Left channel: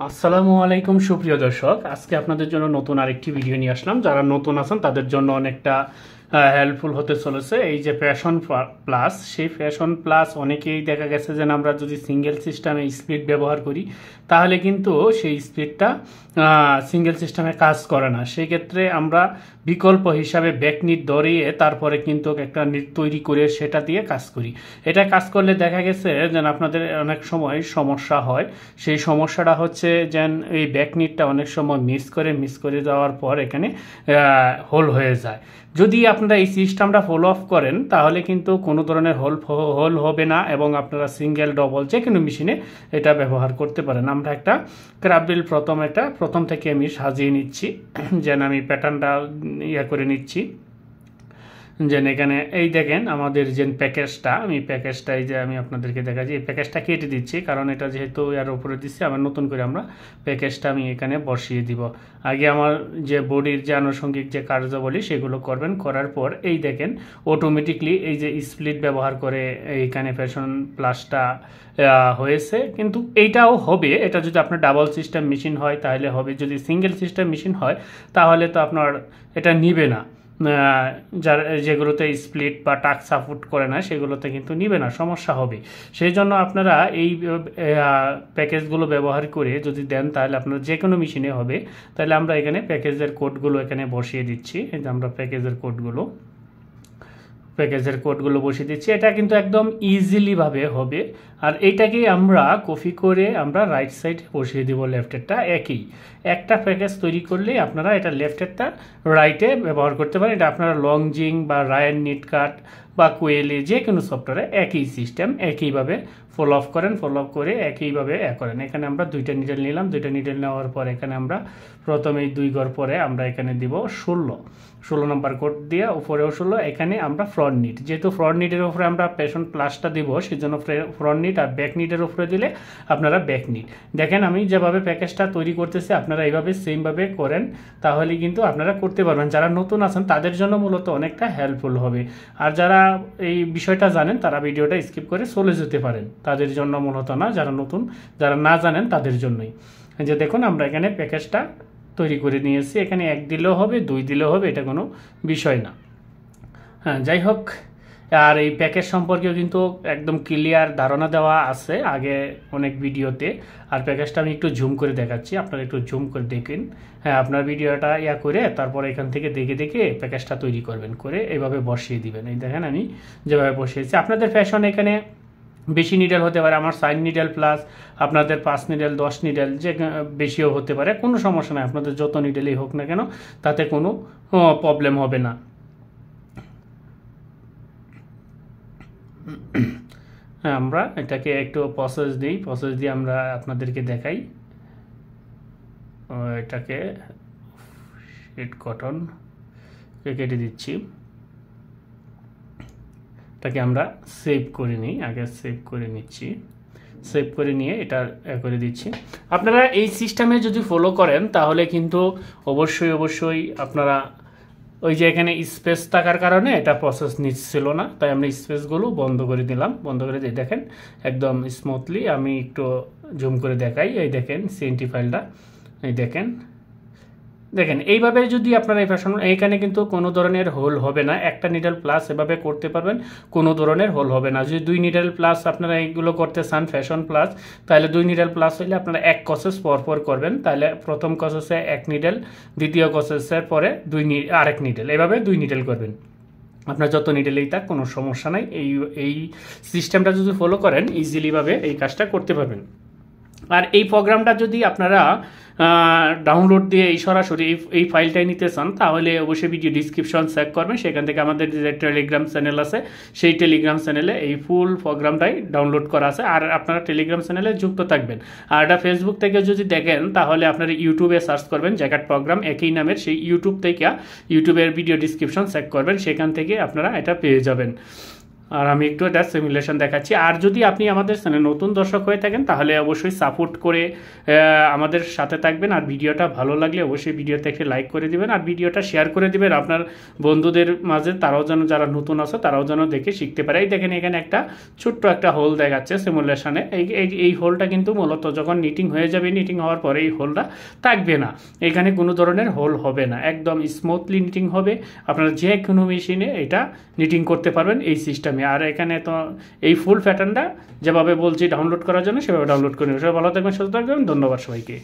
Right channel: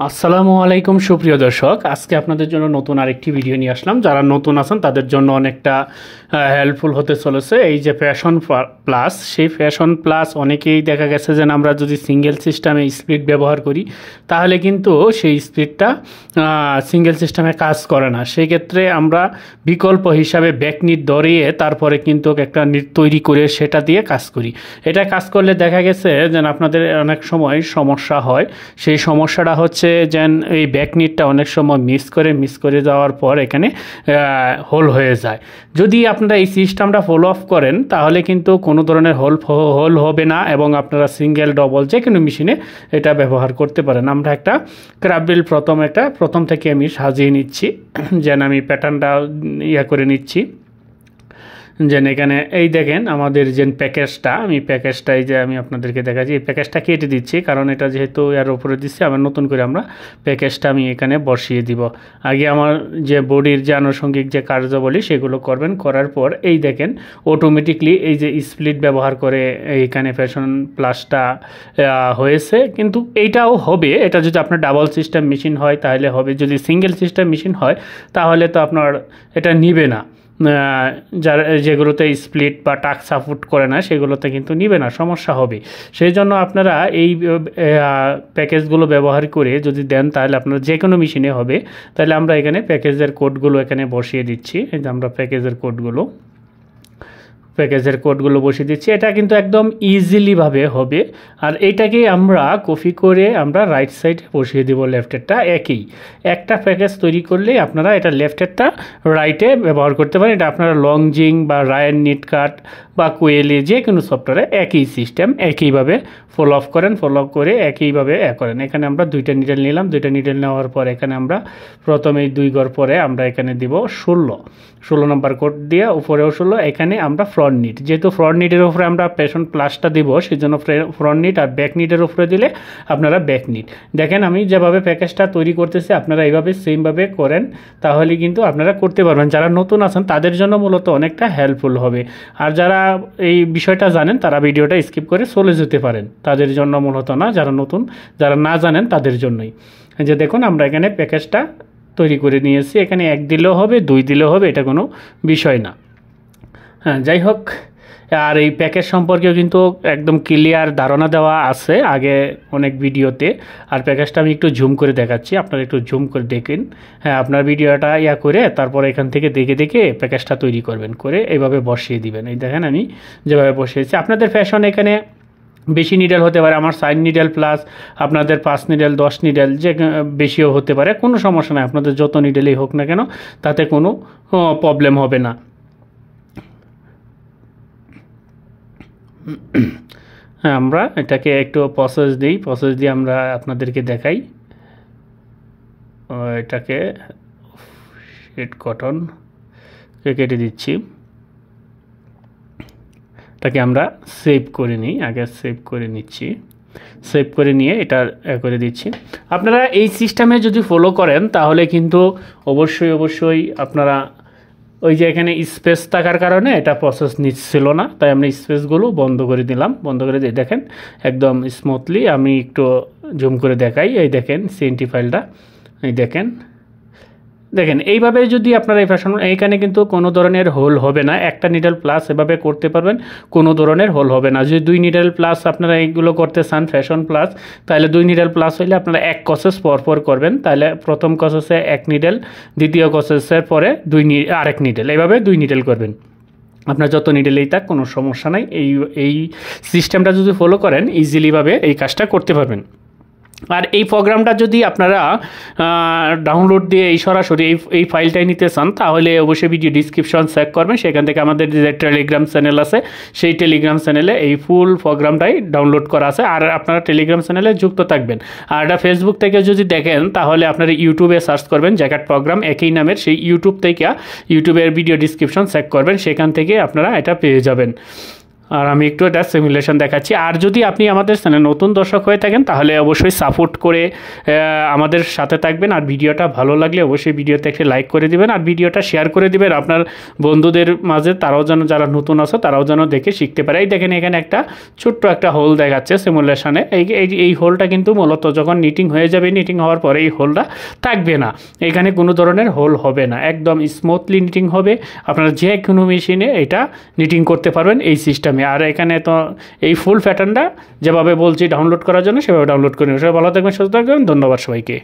আসসালামু আলাইকুম সুপ্রিয় দর্শক, আজকে আপনাদের জন্য নতুন আরেকটি ভিডিও নিয়ে আসলাম। যারা নতুন আছেন তাদের জন্য অনেকটা হেল্পফুল হতে চলেছে। এই যে ফ্যাশন প্লাস, সেই ফ্যাশন প্লাস অনেকেই দেখা গেছে যে আমরা যদি সিঙ্গেল সিস্টেমে স্পিড ব্যবহার করি তাহলে কিন্তু সেই স্পিডটা সিঙ্গেল সিস্টেমে কাজ করে না। সেই ক্ষেত্রে আমরা বিকল্প হিসাবে ব্যাকনিট ধরিয়ে তারপরে কিন্তু একটা নিট তৈরি করে সেটা দিয়ে কাজ করি। এটা কাজ করলে দেখা গেছে যে আপনাদের অনেক সময় সমস্যা হয়। সেই সমস্যাটা হচ্ছে যেন এই ব্যাকনিটটা অনেক সময় মিস করে যাওয়ার পর এখানে হোল হয়ে যায়। যদি আপনারা এই সিস্টেমটা ফলো আপ করেন তাহলে কিন্তু কোনো ধরনের হোল হবে না এবং আপনারা সিঙ্গেল ডবল যে কোনো মেশিনে এটা ব্যবহার করতে পারেন। আমরা একটা ক্রাফট প্রথম থেকে আমি সাজিয়ে নিচ্ছি, যেন আমি প্যাটার্নটা করে নিচ্ছি। যেন এখানে এই দেখেন আমাদের যে প্যাকেজটা, আমি আপনাদেরকে দেখাচ্ছি। এই প্যাকেজটা কেটে দিচ্ছি কারণ এটা যেহেতু এর উপরে দিচ্ছি, আবার নতুন করে আমরা প্যাকেজটা আমি এখানে বসিয়ে দিব। আগে আমার যে বডির যে আনুষঙ্গিক যে কার্যাবলী সেগুলো করবেন, করার পর এই দেখেন অটোমেটিকলি এই যে স্প্লিট ব্যবহার করে এইখানে ফ্যাশন প্লাসটা হয়েছে। কিন্তু এইটাও হবে, এটা যদি আপনার ডাবল সিস্টেম মেশিন হয় তাহলে হবে। যদি সিঙ্গেল সিস্টেম মেশিন হয় তাহলে তো আপনার এটা নিবে না। যার যেগুলোতে স্প্লিট বা টাক সাপোর্ট করে না সেগুলোতে কিন্তু নিবে না, সমস্যা হবে। সেই জন্য আপনারা এই প্যাকেজগুলো ব্যবহার করে যদি দেন তাহলে আপনার যে কোনো মেশিনে হবে। তাহলে আমরা এখানে প্যাকেজের কোডগুলো এখানে বসিয়ে দিচ্ছি। এই যে আমরা প্যাকেজের কোডগুলো বসিয়ে দিচ্ছি। এটা কিন্তু একদম ইজিলিভাবে হবে। আর এইটাকে আমরা কপি করে আমরা রাইট সাইডে বসিয়ে দিব। লেফটেরটা একটা প্যাকেজ তৈরি করলেই আপনারা এটা লেফটেরটা রাইটে ব্যবহার করতে পারেন। এটা আপনারা লংজিং বা রায়ান নিটকাট বা কোয়েলি যে কোনো সফটওয়্যারে একই সিস্টেম, একইভাবে ফলো আপ করে একইভাবে করেন। এখানে আমরা দুইটা নিডেল নিলাম। দুইটা নিডেল নেওয়ার পর এখানে আমরা প্রথমে এই 2 ঘর পরে আমরা এখানে দিব 16 নম্বর কোড দিয়ে উপরেও 16। এখানে আমরা ফ্রন্ট নিট, যেহেতু ফ্রন্ট নিটের উপরে আমরা ফ্যাশন প্লাসটা দিব সেই জন্য ফ্রন্ট নিট, আর ব্যাক নিটের উপরে দিলে আপনারা ব্যাক নিট। দেখেন আমি যেভাবে প্যাকেজটা তৈরি করতেছি আপনারা এইভাবে সেমভাবে করেন, তাহলে কিন্তু আপনারা করতে পারবেন। যারা নতুন আছেন তাদের জন্য মূলত অনেকটা হেল্পফুল হবে। আর যারা এই বিষয়টা জানেন তারা ভিডিওটা স্কিপ করে চলে যেতে পারেন, তাদের জন্য মূলত না। যারা না জানেন তাদের জন্যই। যে দেখুন আমরা এখানে প্যাকেজটা তৈরি করে নিয়েছি। এখানে 1 দিলেও হবে, 2 দিলেও হবে, এটা কোনো বিষয় না। হ্যাঁ, যাই হোক, আর এই প্যাকেজ সম্পর্কেও কিন্তু একদম ক্লিয়ার ধারণা দেওয়া আছে আগে অনেক ভিডিওতে। আর প্যাকেজটা আমি একটু জুম করে দেখাচ্ছি, আপনারা একটু জুম করে দেখেন। হ্যাঁ, আপনার ভিডিওটা করে তারপর এখান থেকে দেখে প্যাকেজটা তৈরি করবেন, করে এইভাবে বসিয়ে দিবেন। এই দেখেন আমি যেভাবে বসিয়েছি। আপনাদের ফ্যাশন এখানে বেশি নিডেল হতে পারে, আমার 4 নিডেল প্লাস আপনাদের 5 নিডেল 10 নিডেল যে বেশিও হতে পারে, কোনো সমস্যা নেই। আপনাদের যত নিডেলই হোক না কেন তাতে কোনো প্রবলেম হবে না। হ্যাঁ, আমরা এটাকে একটু প্রসেস দিয়ে আমরা আপনাদেরকে দেখাই। এটাকে শেড কটন কেটে দিচ্ছি। এটাকে আমরা সেভ করে নিই, আগে সেভ করে নিচ্ছি। সেভ করে নিয়ে এটা করে দিচ্ছি। আপনারা এই সিস্টেমে যদি ফলো করেন তাহলে কিন্তু অবশ্যই আপনারা ওই যে এখানে স্পেস থাকার কারণে এটা প্রসেস নিচ্ছিল না, তাই আমরা স্পেসগুলো বন্ধ করে দিলাম। বন্ধ করে দিয়ে দেখেন একদম স্মুথলি আমি একটু জুম করে দেখাই। এই দেখেন সিএনটি ফাইলটা, এই দেখেন এইভাবে যদি আপনারা এই ফ্যাশন, এইখানে কিন্তু কোনো ধরনের হোল হবে না। একটা নিডল প্লাস এভাবে করতে পারবেন, কোনো ধরনের হোল হবে না। যদি 2 নিডল প্লাস আপনারা এইগুলো করতে চান ফ্যাশন প্লাস, তাহলে 2 নিডল প্লাস হইলে আপনারা 1 কসেস পর করবেন। তাহলে প্রথম কসেসে 1 নিডেল, দ্বিতীয় কসেসের পরে আরেক নিডেল, এইভাবে 2 নিডেল করবেন। আপনার যত নিডেলেই থাক কোনো সমস্যা নাই। এই সিস্টেমটা যদি ফলো করেন ইজিলিভাবে এই কাজটা করতে পারবেন। আর এই প্রোগ্রামটা যদি আপনারা ডাউনলোড দিয়ে সরাসরি এই ফাইলটাই নিতে চান তাহলে অবশ্যই ভিডিও ডিসক্রিপশন চেক করবেন। সেখান থেকে আমাদের যে টেলিগ্রাম চ্যানেল আছে সেই টেলিগ্রাম চ্যানেলে এই ফুল প্রোগ্রামটাই ডাউনলোড করা আছে। আর আপনারা টেলিগ্রাম চ্যানেলে যুক্ত থাকবেন। আর এটা ফেসবুক থেকে যদি দেখেন তাহলে আপনারা ইউটিউবে সার্চ করবেন জ্যাকেট প্রোগ্রাম একই নামের, সেই ইউটিউবের ভিডিও ডিসক্রিপশন চেক করবেন, সেখান থেকে আপনারা এটা পেয়ে যাবেন। আর আমি একটু এটা সিমুলেশন দেখাচ্ছি। আর যদি আপনি আমাদের চ্যানেলে নতুন দর্শক হয়ে থাকেন তাহলে অবশ্যই সাপোর্ট করে আমাদের সাথে থাকবেন। আর ভিডিওটা ভালো লাগলে অবশ্যই ভিডিওতে একটি লাইক করে দিবেন আর ভিডিওটা শেয়ার করে দিবেন আপনার বন্ধুদের মাঝে, তারাও যেন, যারা নতুন আছে তারাও যেন দেখে শিখতে পারে। এই দেখেন এখানে একটা ছোট্ট একটা হোল দেখাচ্ছে সিমুলেশনে। এই হোলটা কিন্তু মূলত যখন নিটিং হয়ে যাবে, নিটিং হওয়ার পরে এই হোলটা থাকবে না, এখানে কোনো ধরনের হোল হবে না, একদম স্মুথলি নিটিং হবে। আপনারা যে কোনো মেশিনে এটা নিটিং করতে পারবেন এই সিস্টেমে। আর এখানে তো এই ফুল প্যাটার্নটা যেভাবে বলছি ডাউনলোড করার জন্য সেভাবে ডাউনলোড করে নেবেন। সবাই ভালো থাকবেন, সুস্থ থাকবেন, ধন্যবাদ সবাইকে।